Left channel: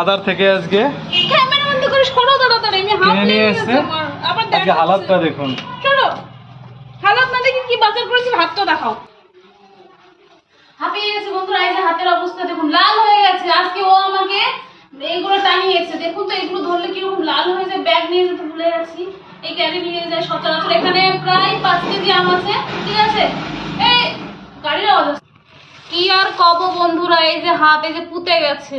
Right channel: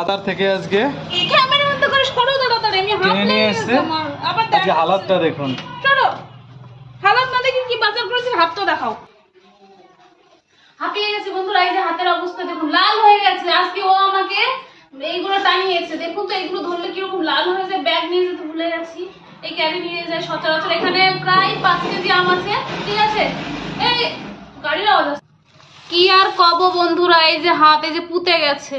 বাজার থেকে আজকে ক্যামেরা বন্ধ করে সরো তাড়াতাড়ি, আমি হাত কিনে নিয়ে এসেছে। আবার আজকে হালাতটা দেখুন। সরো, হালাত না দেখি কি বাজার করেছি, হাতটা দেখাও। হাঁপিয়ে গেছে বন্ধুরা, এই যে হাতের অবস্থা দেখুন, লাল হয়ে গেছে। আজকে ও আমাকে এইগুলো টানিয়েছে, দেখুন তো এগুলো ধরলে কিরকম লাল হয়ে যায়। ব্যাগ নিয়ে যেতে ভুলে গেছি, এই ক্যারি নিয়ে যায় সচরাচর। এখানে প্রায় 5 কেজি আম আছে, ঠিক আছে। এই গাড়ির আওয়াজ আসছে। কি আর কব বন্ধুরা, এই যে হাত এই যে পুঁতে গেছে।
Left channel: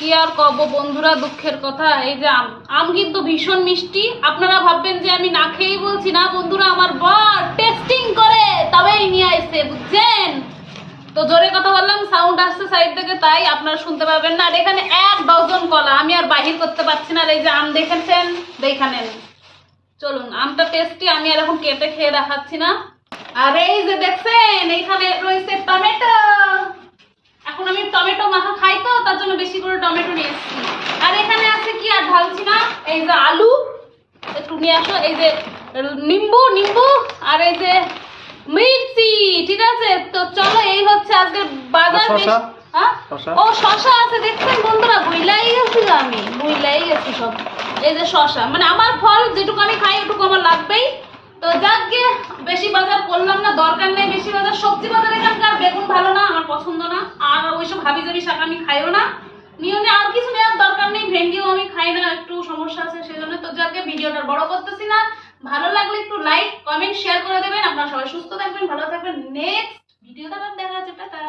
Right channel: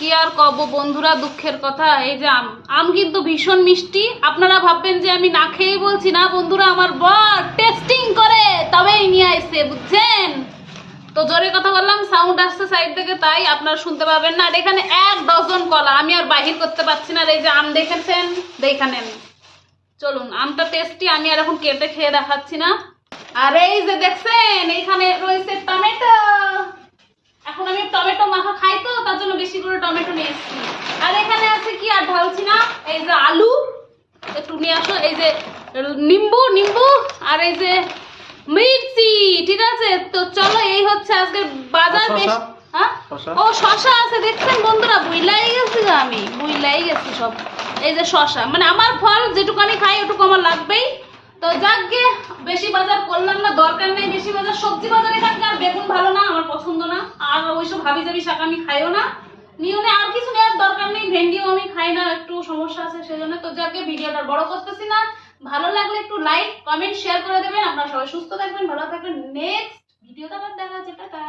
কি আর কব বন্ধুরা, দুঃখের কথা। এই যে আম, আম কিন্তু ভীষণ মিষ্টি। আপনারা ভাববেন যে আমি না খেয়েই বলছি, না বন্ধুরা, আমার বর টেস্টিং করে তবেই নিয়ে এসে, বুঝছেন তো। জোরে কথা বললাম, সাউন্ড আসছে সাইড থেকে, তাই আপনারা শুনতে পাবেন না। আর এখানে 1 ডজন কলা, আমি আর বাহির করতে পারছি না। আর এই যে আম দেখেছেন, দেখে নেন। চলুন, আমটা টেস্টি, আমি আর এখন কেটে খেয়ে দেখাচ্ছি না। আর এই যে দেখছেন, এইখানে রয়েছে টমেটো। এখন আমি টমেটো মাখা খাই তো, তার জন্য বেশি করে টমেটো নিয়ে এসেছি। আর এখানে আছে কি, আর ঢালছি না, এই যে আলু একটু নিয়ে আসো, এই যে নিম্বু আর এই যে মির্চি, ঠিক আছে। তো চলো, এই হচ্ছে আজকে বাজার। হ্যাঁ, ও শশা আছে, দেখছেন বন্ধুরা, ভুইলাই গেছি আমি, ভুইলাই গেছি সব। এই যে শশা, মানে আমার ফল যেটুকু আমি খাই এটুকু আমার লাগবেই। তো যাকে বেশি বাজার করলাম না, দরকার নেই বেশি বাজার। সবজি বাজার এখানকার বেগুন ভালো না, আমার পছন্দ না। আর ওইসব হাবি জাবি শাক আমি খাইও না, নিও না। আর কিছু নেওয়ার দরকার নেই, ভেন্ডিও আমি খাই না, একটু সমস্যা আছে সেজন্য। তো যাকে ভিডিওটা বড় করতেছি না, ভালো লাগলে একটু লাইক কমেন্ট শেয়ার করে দেবেন। আপনারা সবাই সুস্থ থাকবেন, ভালো থাকবেন। নেক্সট ভিডিওতে আবার দেখা হচ্ছে, টাটা।